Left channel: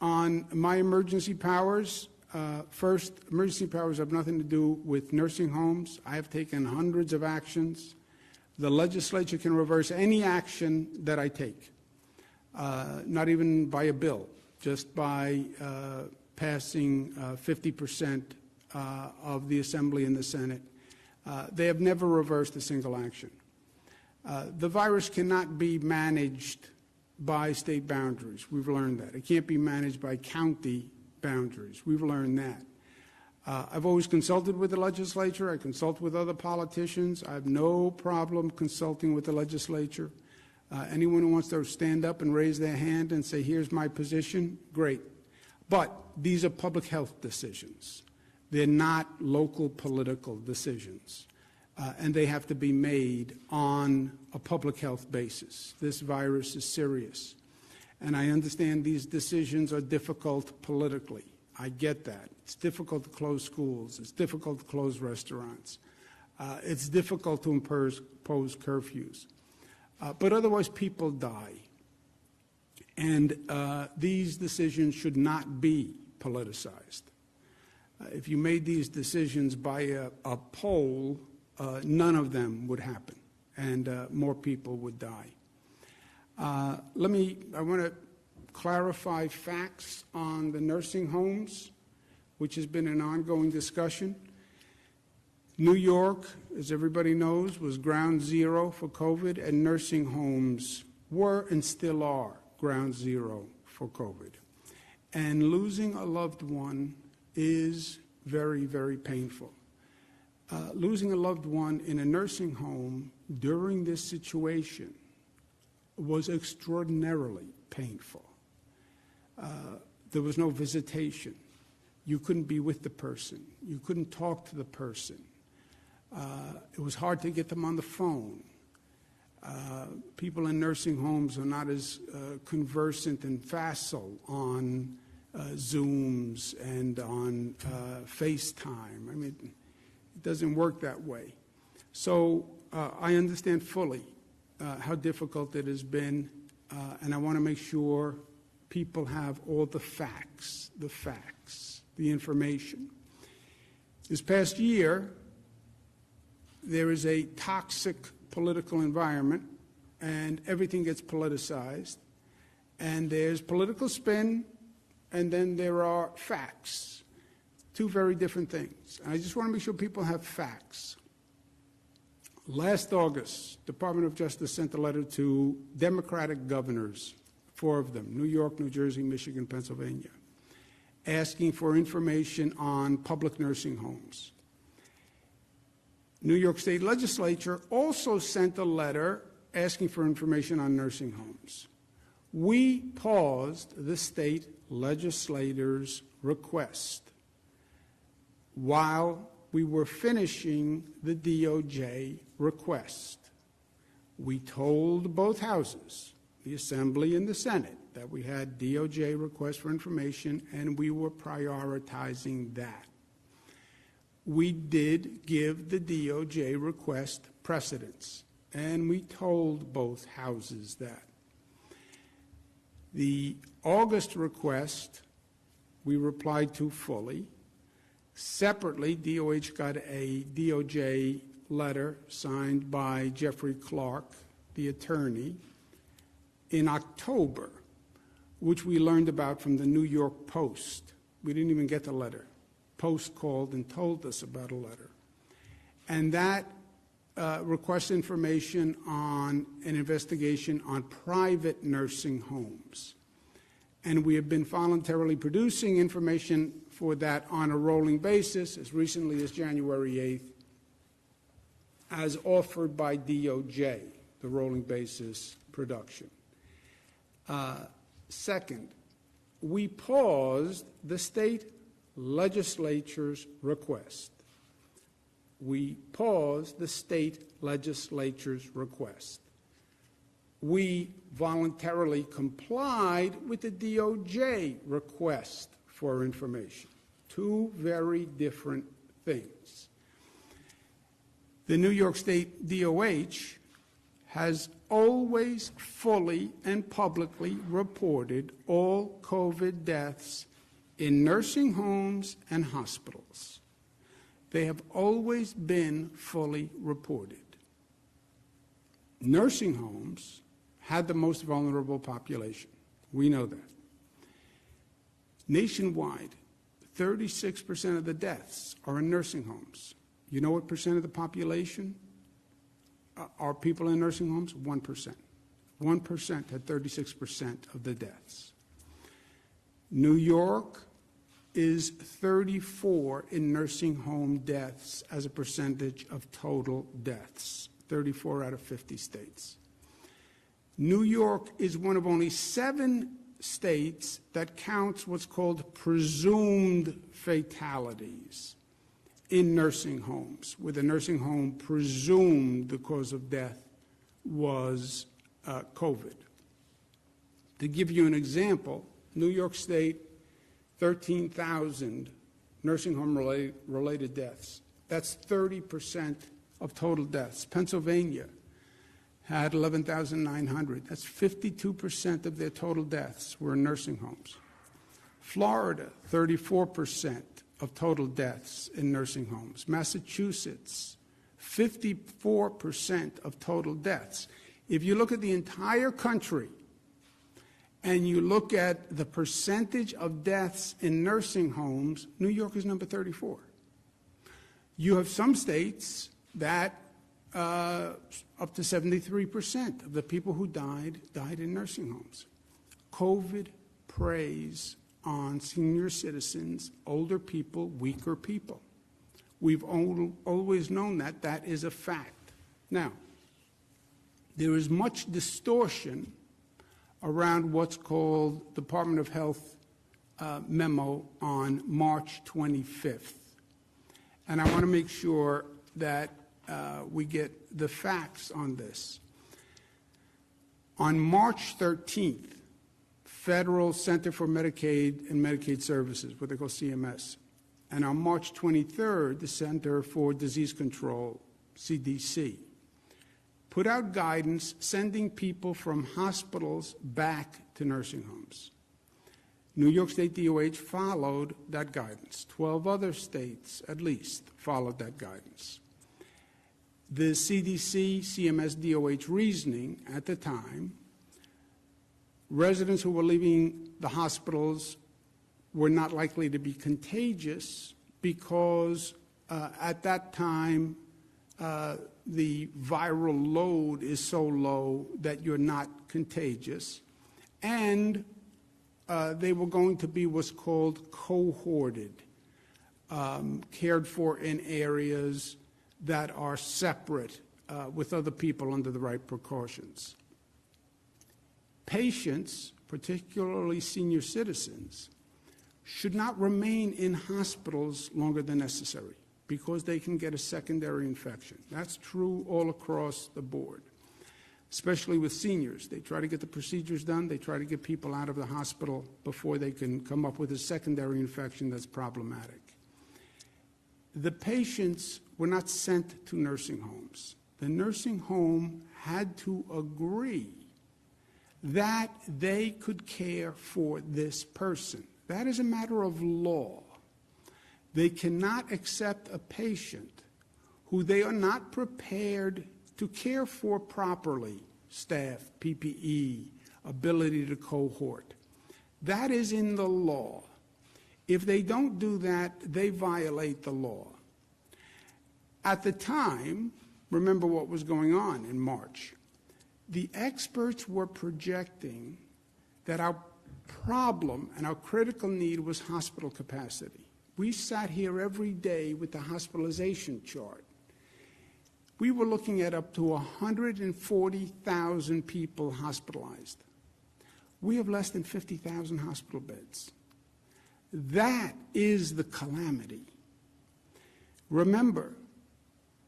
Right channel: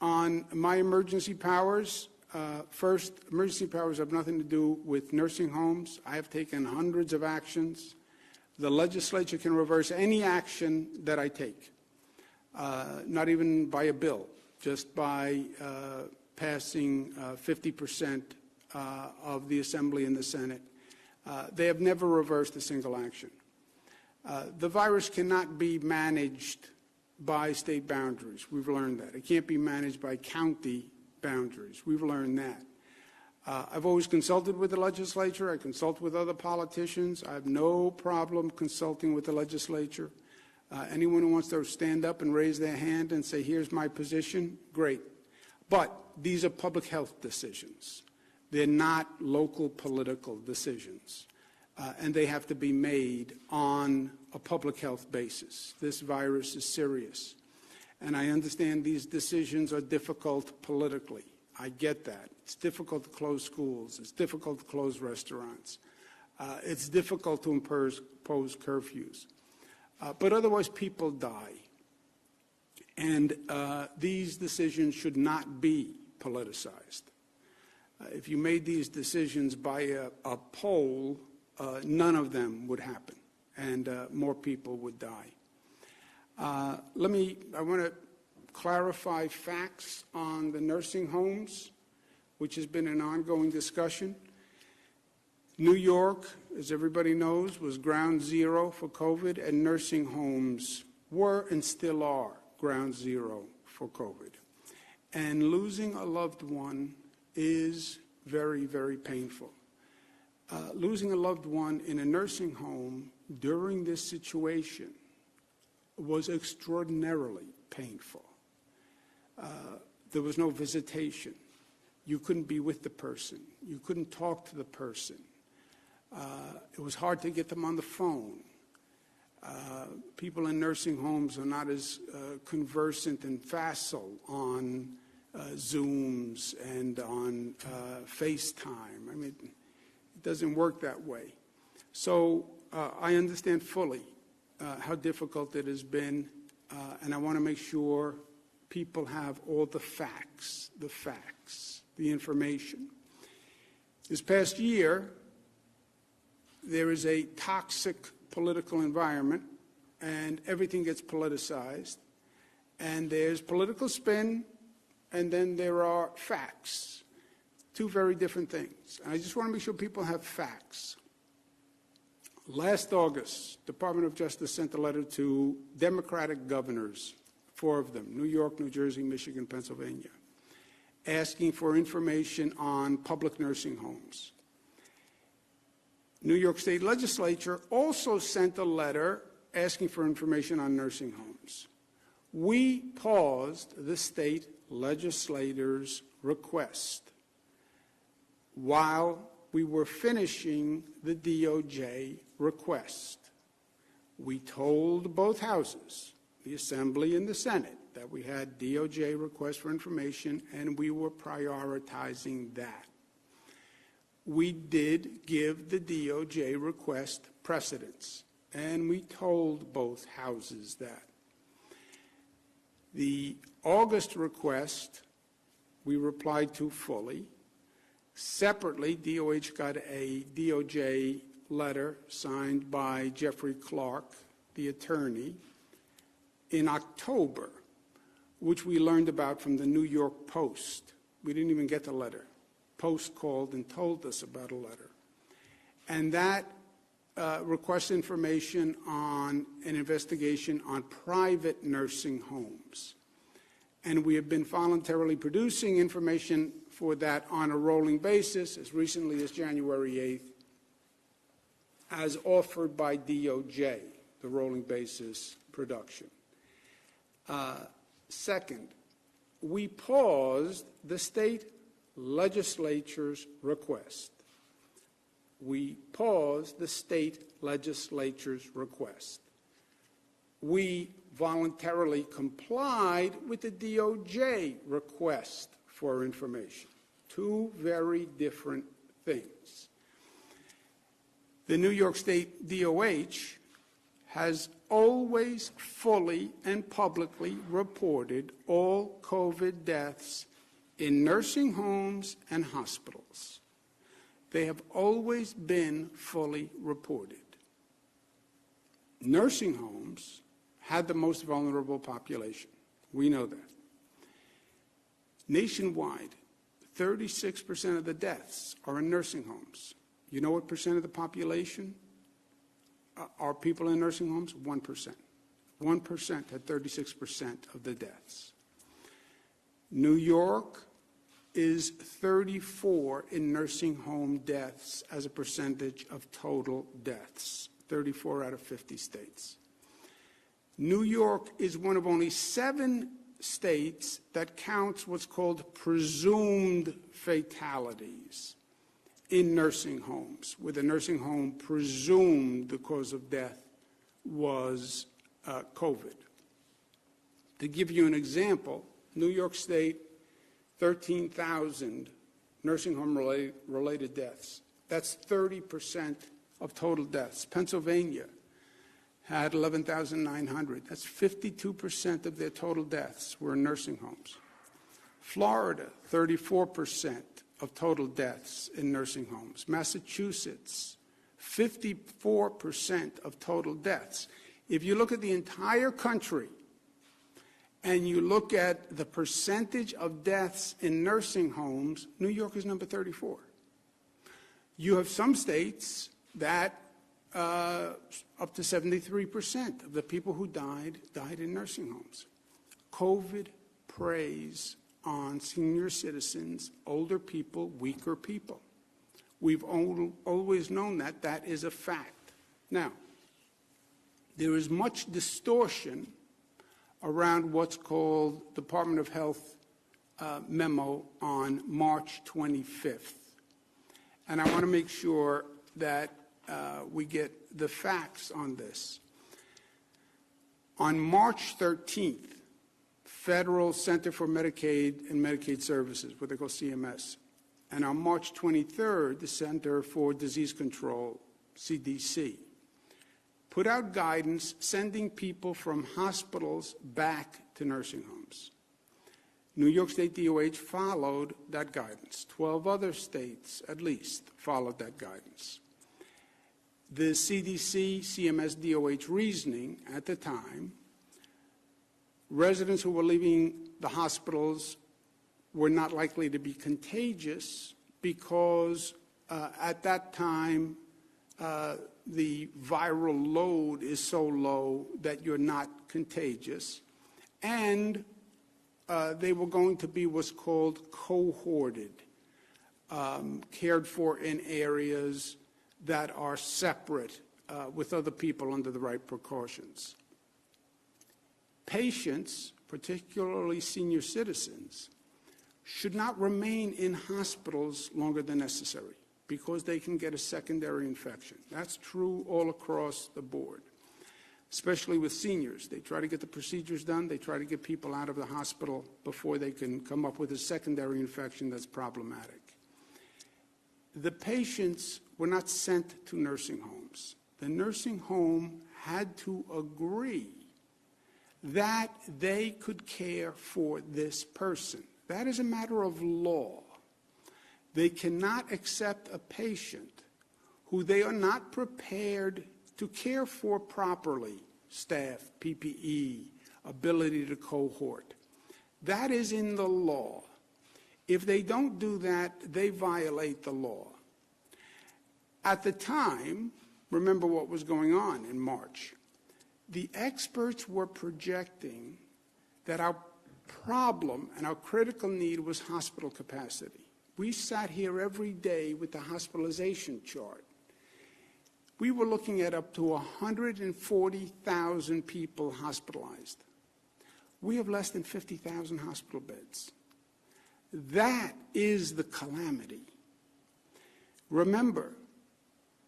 On my emergency powers, first, emergency powers have nothing to do with nursing homes. I have taken hundreds of actions. The legislature can reverse any action that I take, not even by a bill, just by passing 50% of the Assembly and the Senate. They have never reversed a single action. The virus cannot be managed by state boundaries. We've learned that. It can't be managed by county boundaries. We've learned that. I've always consulted with the legislature. I consult with other politicians. I have no problem consulting with the legislature. Anyone who wants to stand up and raise their hand and say, here's my position, great. But these are public health decisions. They're not local political decisions. And they have to be made on a public health basis. This virus is serious. And I understand these decisions are difficult politically. I get that. It's difficult to close schools. It's difficult to close restaurants. It's difficult to impose curfews. But otherwise, people die. And these decisions should not be politicized. If you made these decisions by a poll, none of them would happen, and more people would die. I want to clarify facts on the nursing homes, which has been an ongoing discussion. New York, as everybody knows, was ground zero for COVID, and nursing homes were and still are ground zero for COVID. And losing a loved one is very, very painful. Losing a loved one in a nursing home during this situation was extraordinarily painful. There was no visitation. You couldn't be with the person. You couldn't talk to the person. It was hard to get them on the phone. People in nursing homes are not as conversant and facile on Zooms and on FaceTime. I mean, it doesn't work that way. So I understand fully how difficult it has been, and I want to make sure people have all the facts, the information. This past year, there is a toxic political environment, and everything gets politicized, and there's political spin, and then there are facts. Two very different things. And I just want to make sure people have facts. Last August, Department of Justice sent a letter to Democratic governors, 4 of them, New York, New Jersey, Michigan, Pennsylvania, asking for information on public nursing homes. New York State Legislature also sent a letter asking for information on nursing homes. We paused the state legislators' request while we were finishing the DOJ request. We told both houses, the Assembly and the Senate, that we had DOJ requests for information and we were prioritizing that. We did give the DOJ request precedence, and we told both houses that. The August request we replied to fully. Separately, DOH got a DOJ letter signed by Jeffrey Clark, the attorney, in October, which we learned about from the New York Post. We didn't even get the letter. Post called and told us about a letter. And that requests information on an investigation on private nursing homes. And we have been voluntarily producing information for that on a rolling basis as recently as January 8th, as offered by DOJ, the rolling basis production. Second, we paused the state legislature's request. We paused the state legislature's request. We voluntarily complied with the DOJ request for information. Two very different things. The New York State DOH has always fully and publicly reported all COVID deaths in nursing homes and hospitals. They have always been fully reported. Nursing homes had the most vulnerable population. We know that. Nationwide, 36% of the deaths are in nursing homes. You know what percent of the population are people in nursing homes? 1%. 1% had 36% of the deaths. New York is 34 in nursing home deaths as a percentage of total deaths, 34 out of 50 states. New York is one of only 7 states that counts what's called presumed fatalities in nursing homes, where the nursing home presumed the cause of death was COVID. To give you an example, New York State, 13,000 nursing home related deaths. That's 30% of total deaths. Pennsylvania had 11,900. That's 52% of their total deaths were in nursing homes. Florida, 34% of total deaths in nursing homes. Massachusetts, 54% of total deaths. If you look at the entire country and you look at the percentage of deaths in nursing homes, New York is number 34. You have some states that up to 73% of the people who died in nursing homes. COVID preys on senior citizens, older people, weaker people. We've always known that. That is a fact. Now, there is much distortion around what's called Department of Health memo on March 25th. And I want to make sure that we get the facts on this. On March 13th, Federal Center for Medicaid and Medicaid Services, what they call CMS, and on March 23rd, the Center for Disease Control, CDC, put out guidance sending people from hospitals back to nursing homes. New York State DOH followed that guidance. 12 other states, at least, followed that guidance. The CDC, CMS, DOH reasoning at the time, residents who were leaving the hospitals were not likely to be contagious because at that time the viral load is so low that you're not contagious, and they were going to be what's called cohorted, cared for in areas that are separate with other people under the right precautions. Patients, particularly senior citizens, should not remain in hospitals longer than necessary because they can get a secondary infection. That's true all across the board, especially with seniors. They try to get the procedures done. They try to get people out of the hospital before they can come up with a secondary infection that's problematic. The patients were not sent to nursing homes. The nursing home had to agree that they could care for this person. That is a matter of law. They cannot accept a patient who they are not prepared to care for properly, staff, PPE, ability to cohort. That is in the law. If they don't do that, they violate the law. At the time, remember what was going on in March. The experts were projecting that our problem and our critical need was hospital capacity. We sat here every day with the hospitalization chart. We were looking at up to 140,000 people hospitalized. We have less than 50,000 hospital beds. That is the calamity. Remember,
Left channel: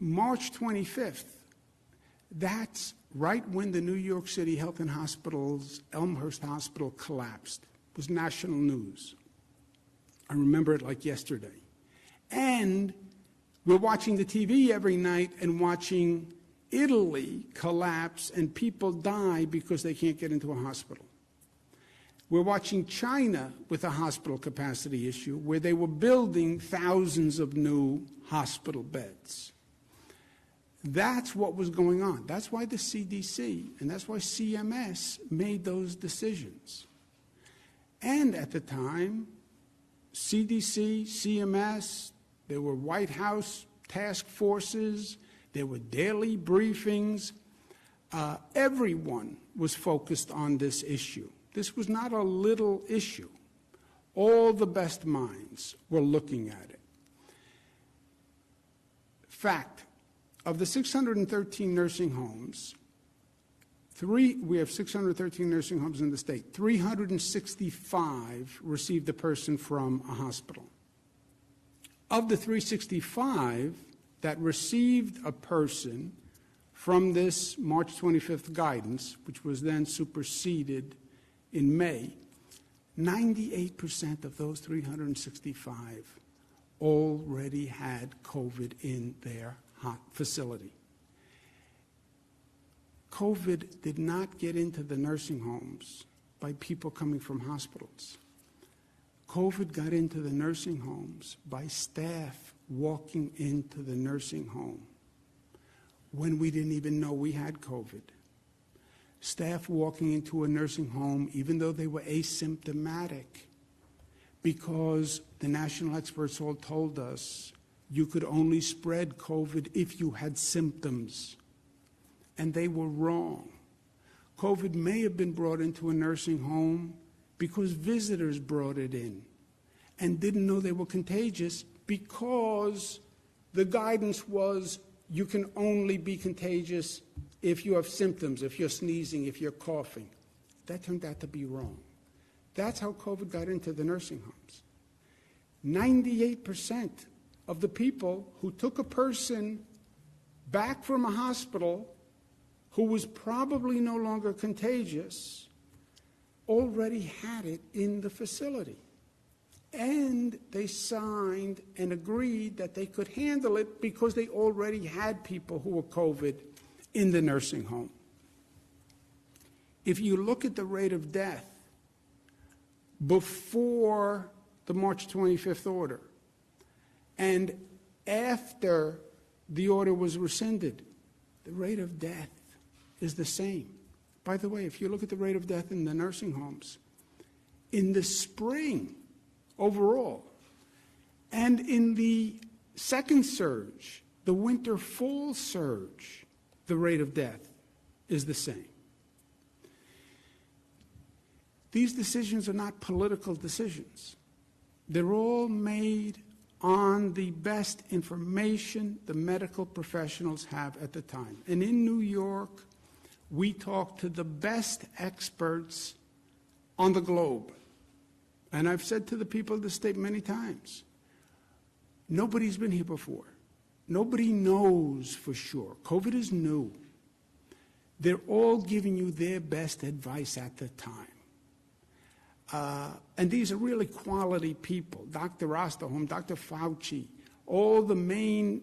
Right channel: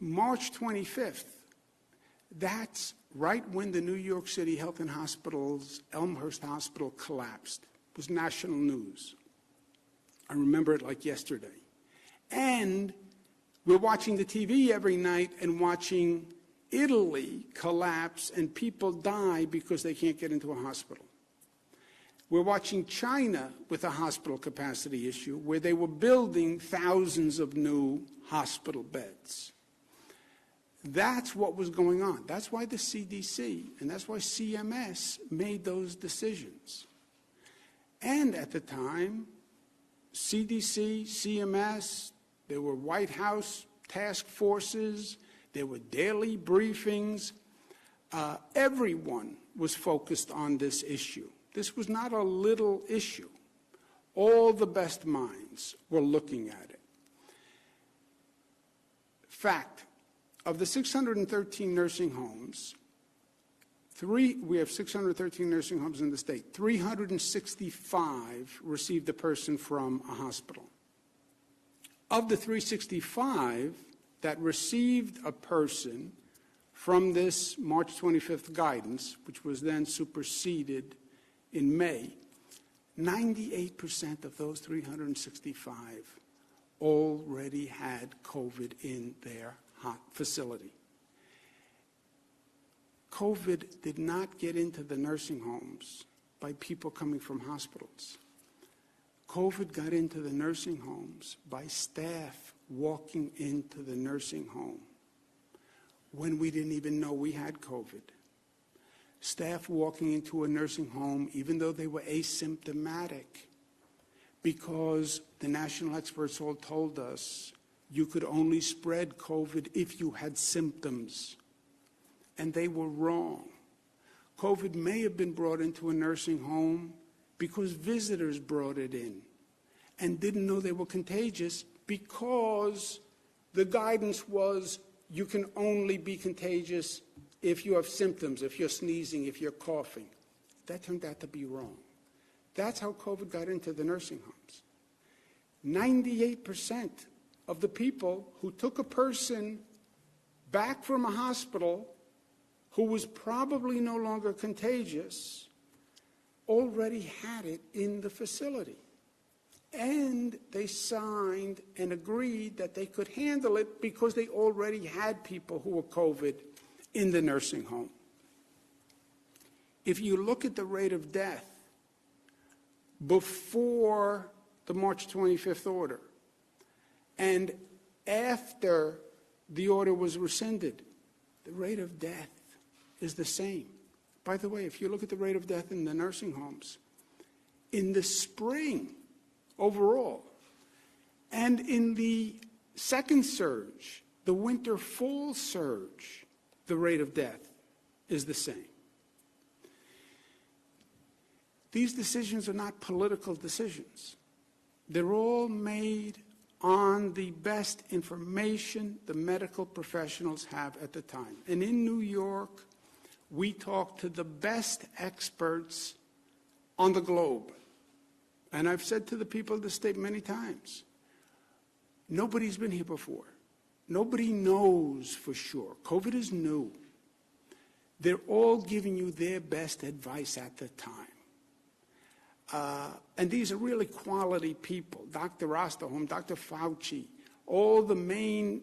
March 25th, that's right when the New York City Health and Hospitals Elmhurst Hospital collapsed. It was national news. I remember it like yesterday. And we're watching the TV every night and watching Italy collapse and people die because they can't get into a hospital. We're watching China with a hospital capacity issue where they were building thousands of new hospital beds. That's what was going on. That's why the CDC and that's why CMS made those decisions. And at the time, CDC, CMS, there were White House task forces, there were daily briefings. Everyone was focused on this issue. This was not a little issue. All the best minds were looking at it. Fact, of the 613 nursing homes, we have 613 nursing homes in the state. 365 received a person from a hospital. Of the 365 that received a person from this March 25th guidance, which was then superseded in May, 98% of those 365 already had COVID in their facility. COVID did not get into the nursing homes by people coming from hospitals. COVID got into the nursing homes by staff walking into the nursing home when we didn't even know we had COVID. Staff walking into a nursing home even though they were asymptomatic, because the national experts all told us you could only spread COVID if you had symptoms. And they were wrong. COVID may have been brought into a nursing home because visitors brought it in and didn't know they were contagious, because the guidance was you can only be contagious if you have symptoms, if you're sneezing, if you're coughing. That turned out to be wrong. That's how COVID got into the nursing homes. 98% of the people who took a person back from a hospital who was probably no longer contagious already had it in the facility. And they signed and agreed that they could handle it because they already had people who were COVID in the nursing home. If you look at the rate of death before the March 25th order and after the order was rescinded, the rate of death is the same. By the way, if you look at the rate of death in the nursing homes, in the spring overall, and in the second surge, the winter-fall surge, the rate of death is the same. These decisions are not political decisions. They're all made on the best information the medical professionals have at the time. And in New York, we talk to the best experts on the globe. And I've said to the people of the state many times, nobody's been here before. Nobody knows for sure. COVID is new. They're all giving you their best advice at the time. And these are really quality people. Dr. Osterholm, Dr. Fauci, all the main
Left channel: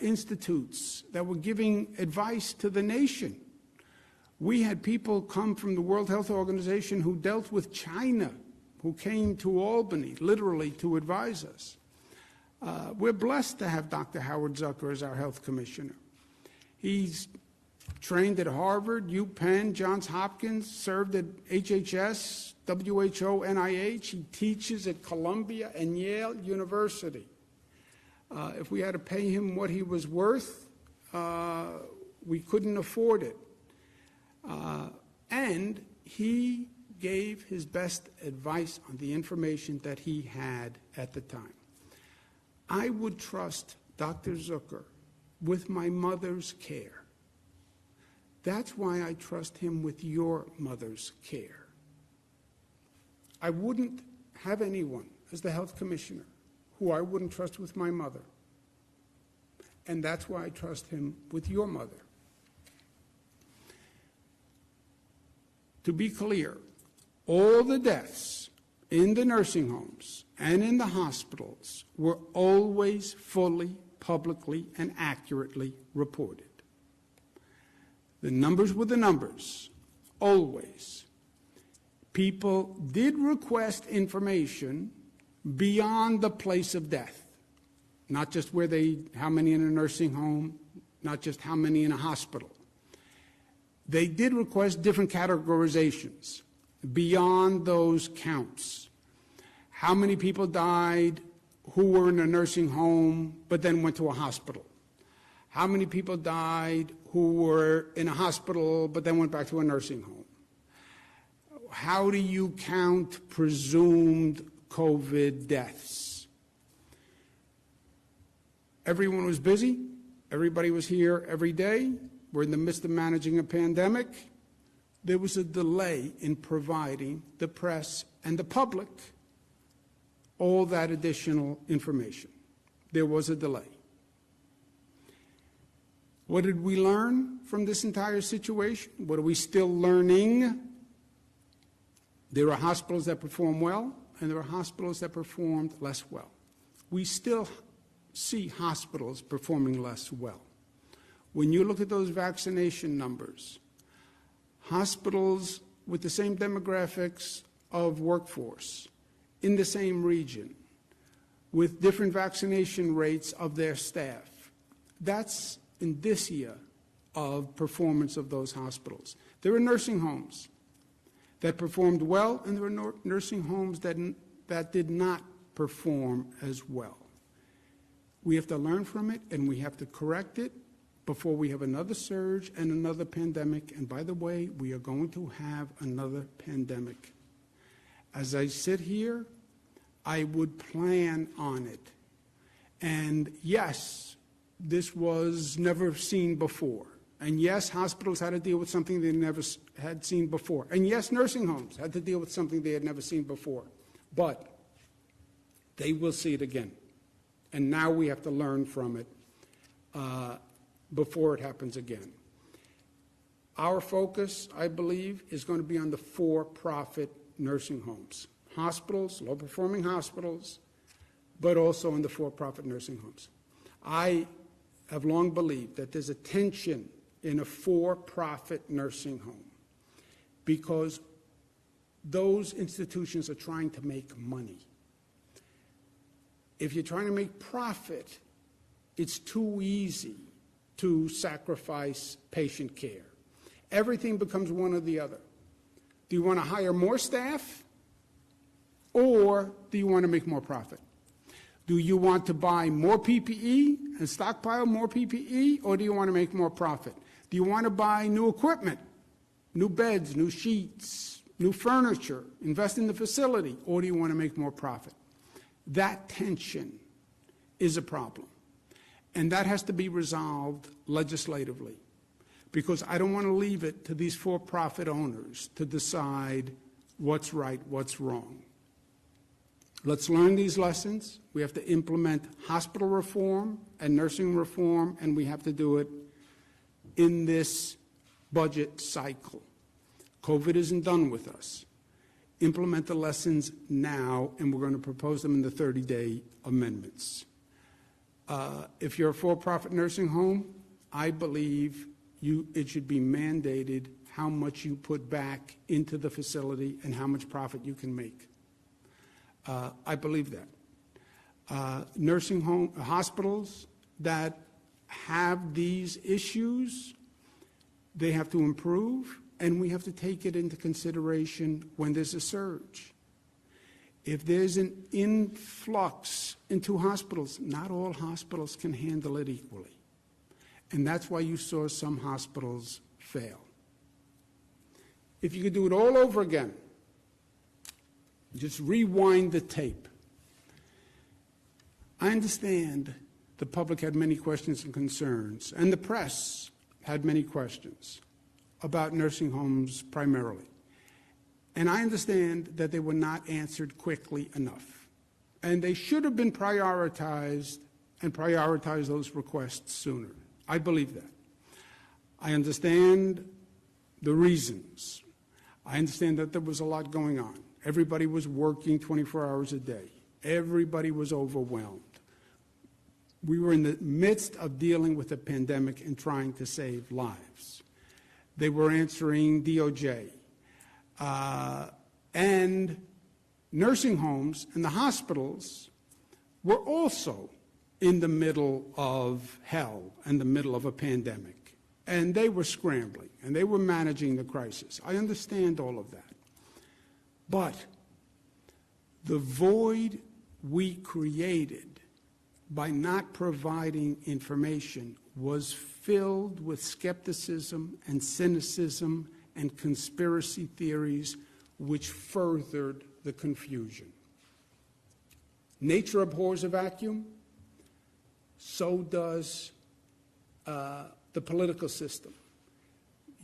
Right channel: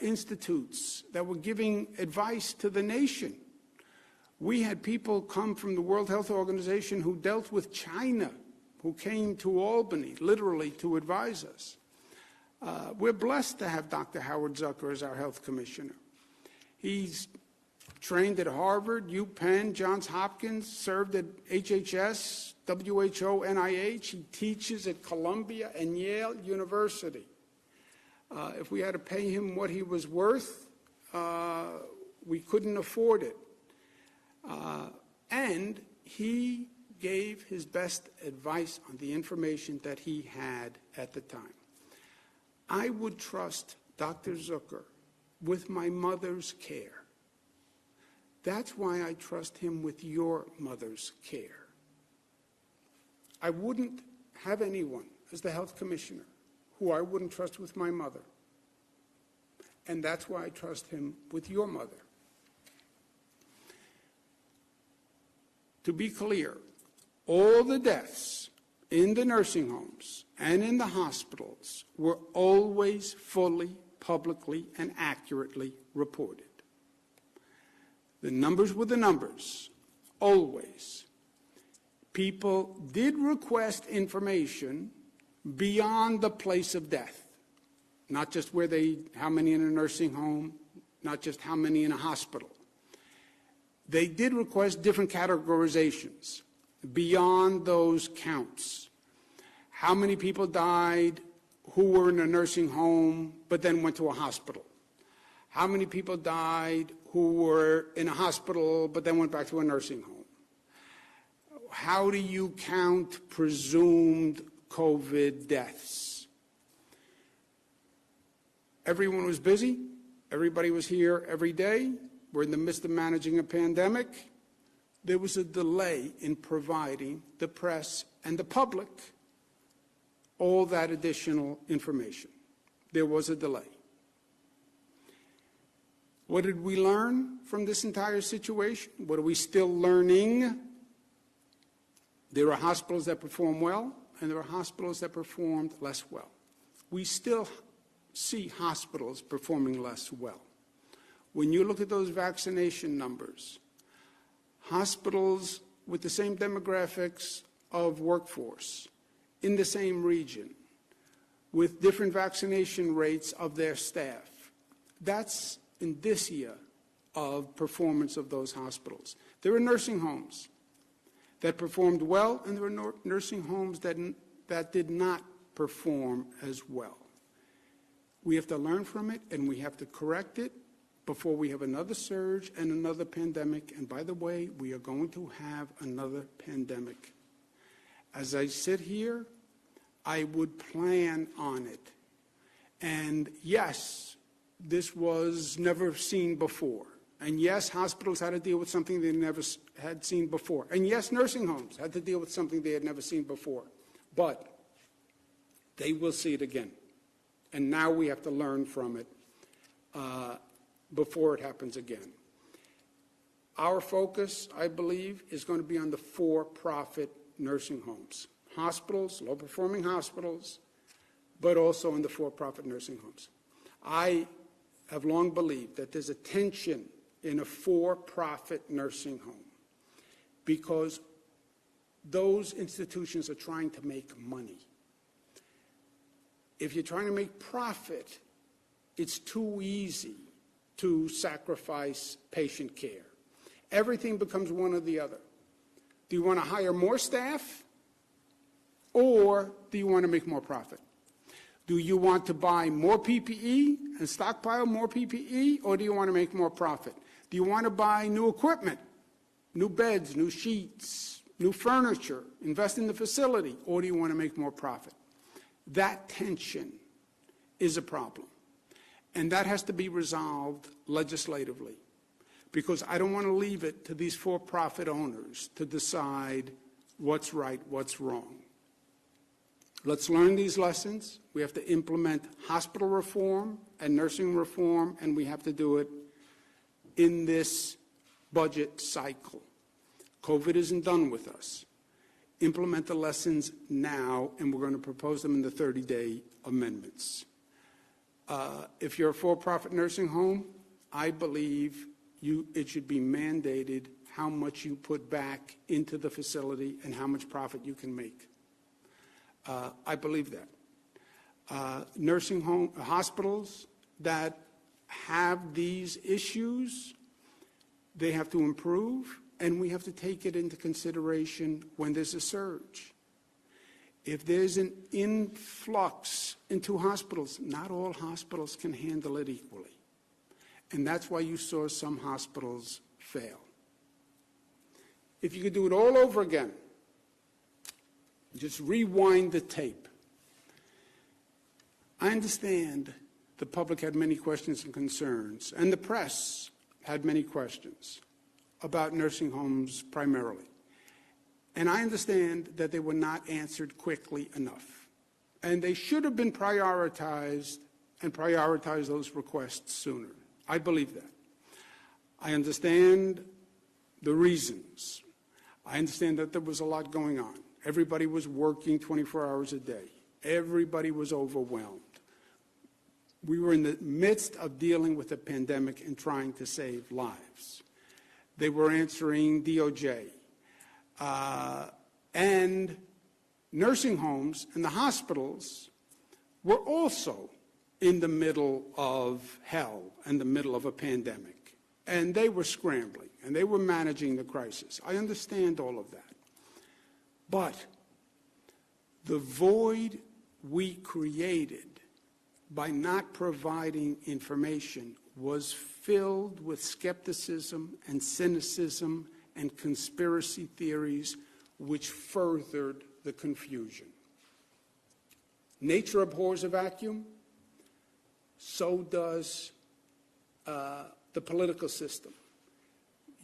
institutes that were giving advice to the nation. We had people come from the World Health Organization who dealt with China, who came to Albany, literally, to advise us. We're blessed to have Dr. Howard Zucker as our health commissioner. He's trained at Harvard, UPenn, Johns Hopkins, served at HHS, WHO, NIH. He teaches at Columbia and Yale University. If we had to pay him what he was worth, we couldn't afford it. And he gave his best advice on the information that he had at the time. I would trust Dr. Zucker with my mother's care. That's why I trust him with your mother's care. I wouldn't have anyone as the health commissioner who I wouldn't trust with my mother. And that's why I trust him with your mother. To be clear, all the deaths in the nursing homes and in the hospitals were always fully, publicly, and accurately reported. The numbers were the numbers, always. People did request information beyond the place of death, not just how many in a nursing home, not just how many in a hospital. They did request different categorizations beyond those counts. How many people died who were in a nursing home but then went to a hospital? How many people died who were in a hospital but then went back to a nursing home? How do you count presumed COVID deaths? Everyone was busy. Everybody was here every day. We're in the midst of managing a pandemic. There was a delay in providing the press and the public all that additional information. There was a delay. What did we learn from this entire situation? What are we still learning? There are hospitals that perform well, and there are hospitals that performed less well. We still see hospitals performing less well. When you look at those vaccination numbers, hospitals with the same demographics of workforce, in the same region, with different vaccination rates of their staff, that's indicia of performance of those hospitals. There are nursing homes that performed well, and there are nursing homes that did not perform as well. We have to learn from it, and we have to correct it before we have another surge and another pandemic. And by the way, we are going to have another pandemic. As I sit here, I would plan on it. And yes, this was never seen before. And yes, hospitals had to deal with something they never had seen before. And yes, nursing homes had to deal with something they had never seen before. But they will see it again. And now we have to learn from it before it happens again. Our focus, I believe, is going to be on the for-profit nursing homes. Hospitals, low-performing hospitals, but also in the for-profit nursing homes. I have long believed that there's a tension in a for-profit nursing home because those institutions are trying to make money. If you're trying to make profit, it's too easy to sacrifice patient care. Everything becomes one or the other. Do you want to hire more staff, or do you want to make more profit? Do you want to buy more PPE and stockpile more PPE, or do you want to make more profit? Do you want to buy new equipment, new beds, new sheets, new furniture, invest in the facility, or do you want to make more profit? That tension is a problem, and that has to be resolved legislatively, because I don't want to leave it to these for-profit owners to decide what's right, what's wrong. Let's learn these lessons. We have to implement hospital reform and nursing reform, and we have to do it in this budget cycle. COVID isn't done with us. Implement the lessons now, and we're going to propose them in the 30-day amendments. If you're a for-profit nursing home, I believe it should be mandated how much you put back into the facility and how much profit you can make. I believe that. Nursing home hospitals that have these issues, they have to improve, and we have to take it into consideration when there's a surge. If there's an influx into hospitals, not all hospitals can handle it equally. And that's why you saw some hospitals fail. If you could do it all over again, just rewind the tape. I understand the public had many questions and concerns, and the press had many questions about nursing homes primarily. And I understand that they were not answered quickly enough. And they should have been prioritized and prioritize those requests sooner. I believe that. I understand the reasons. I understand that there was a lot going on. Everybody was working 24 hours a day. Everybody was overwhelmed. We were in the midst of dealing with a pandemic and trying to save lives. They were answering DOJ. And nursing homes and the hospitals were also in the middle of hell and the middle of a pandemic. And they were scrambling, and they were managing the crisis. I understand all of that. But the void we created by not providing information was filled with skepticism and cynicism and conspiracy theories, which furthered the confusion. Nature abhors a vacuum, so does the political system.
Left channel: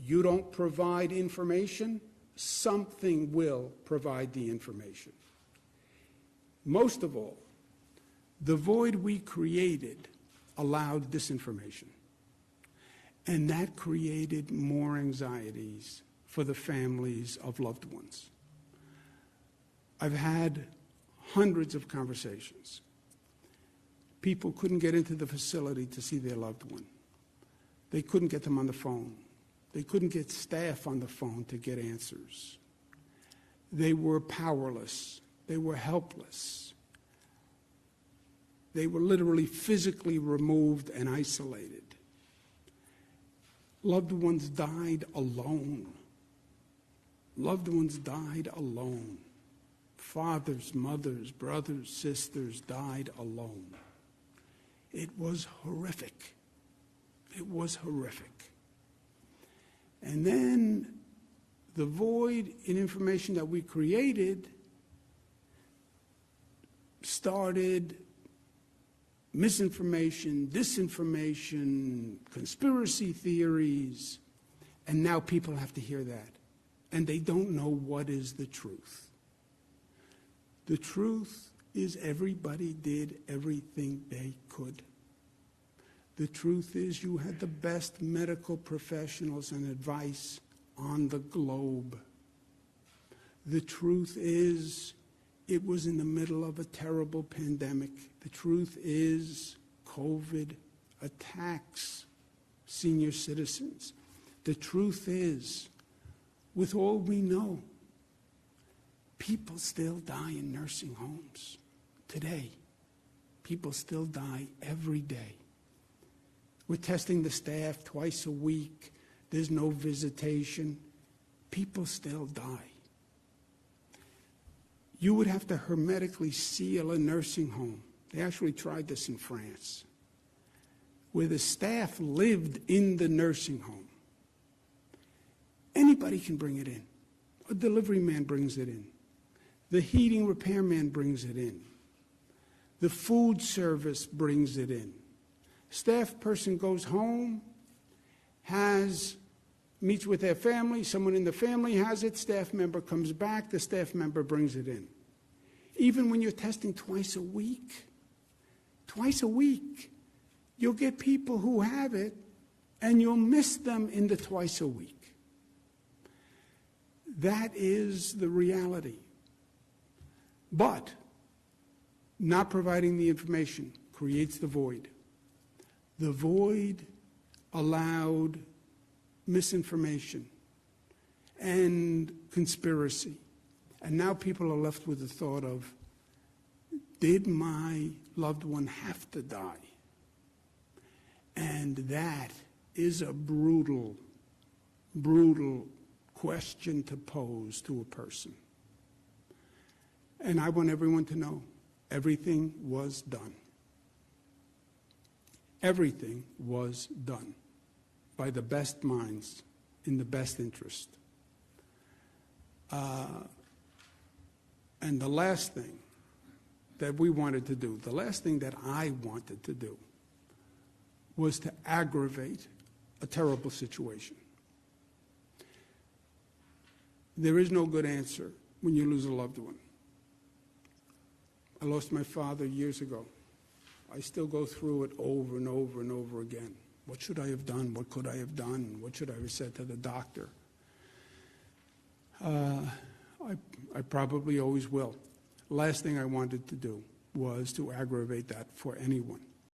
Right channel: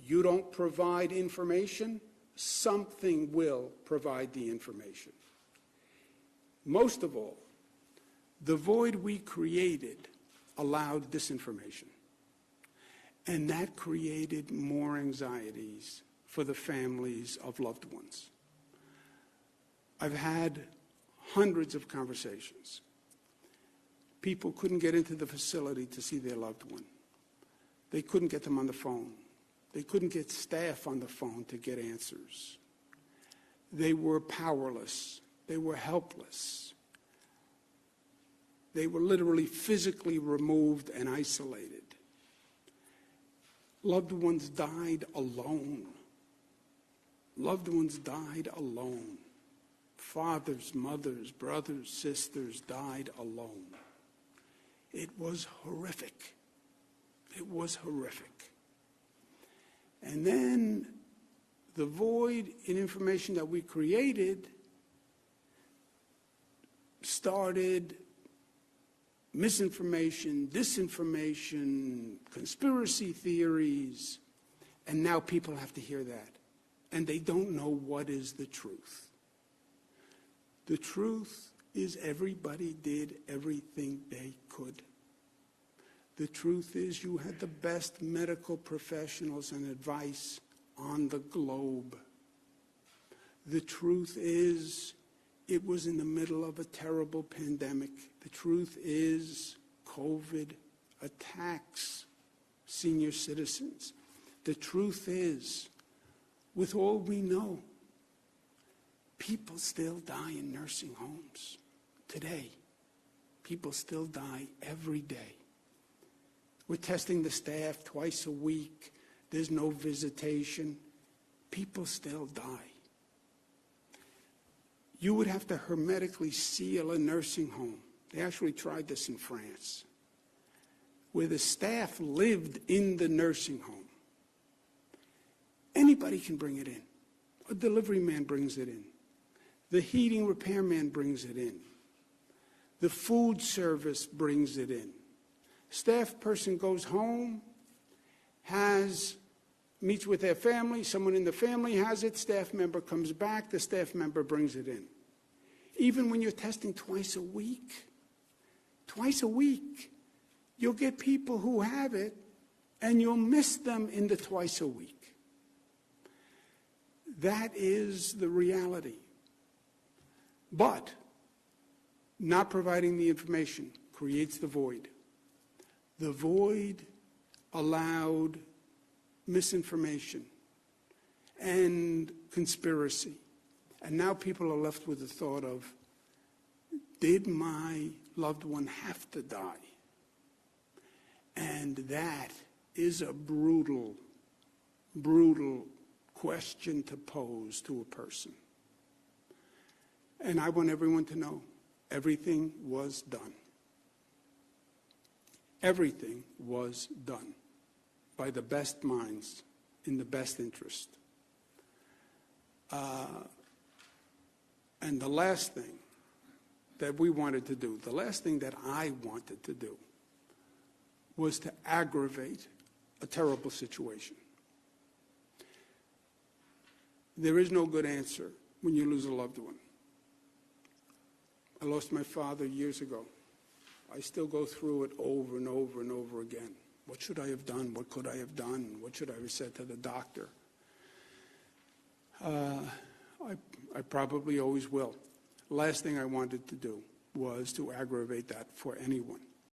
You don't provide information, something will provide the information. Most of all, the void we created allowed disinformation. And that created more anxieties for the families of loved ones. I've had hundreds of conversations. People couldn't get into the facility to see their loved one. They couldn't get them on the phone. They couldn't get staff on the phone to get answers. They were powerless. They were helpless. They were literally physically removed and isolated. Loved ones died alone. Loved ones died alone. Fathers, mothers, brothers, sisters died alone. It was horrific. It was horrific. And then the void in information that we created started misinformation, disinformation, conspiracy theories, and now people have to hear that. And they don't know what is the truth. The truth is everybody did everything they could. The truth is you had the best medical professionals and advice on the globe. The truth is it was in the middle of a terrible pandemic. The truth is COVID attacks senior citizens. The truth is, with all we know, people still die in nursing homes today. People still die every day. We're testing the staff twice a week. There's no visitation. People still die. You would have to hermetically seal a nursing home. They actually tried this in France, where the staff lived in the nursing home. Anybody can bring it in. A delivery man brings it in. The heating repairman brings it in. The food service brings it in. Staff person goes home, meets with their family, someone in the family has it, staff member comes back, the staff member brings it in. Even when you're testing twice a week, you'll get people who have it and you'll miss them in the twice a week. That is the reality. But not providing the information creates the void. The void allowed misinformation and conspiracy. And now people are left with the thought of, did my loved one have to die? And that is a brutal, brutal question to pose to a person. And I want everyone to know, everything was done. Everything was done by the best minds in the best interest. And the last thing that we wanted to do, the last thing that I wanted to do, was to aggravate a terrible situation. There is no good answer when you lose a loved one. I lost my father years ago. I still go through it over and over and over again. What should I have done? What could I have done? What should I have said to the doctor? I probably always will. Last thing I wanted to do was to aggravate that for anyone.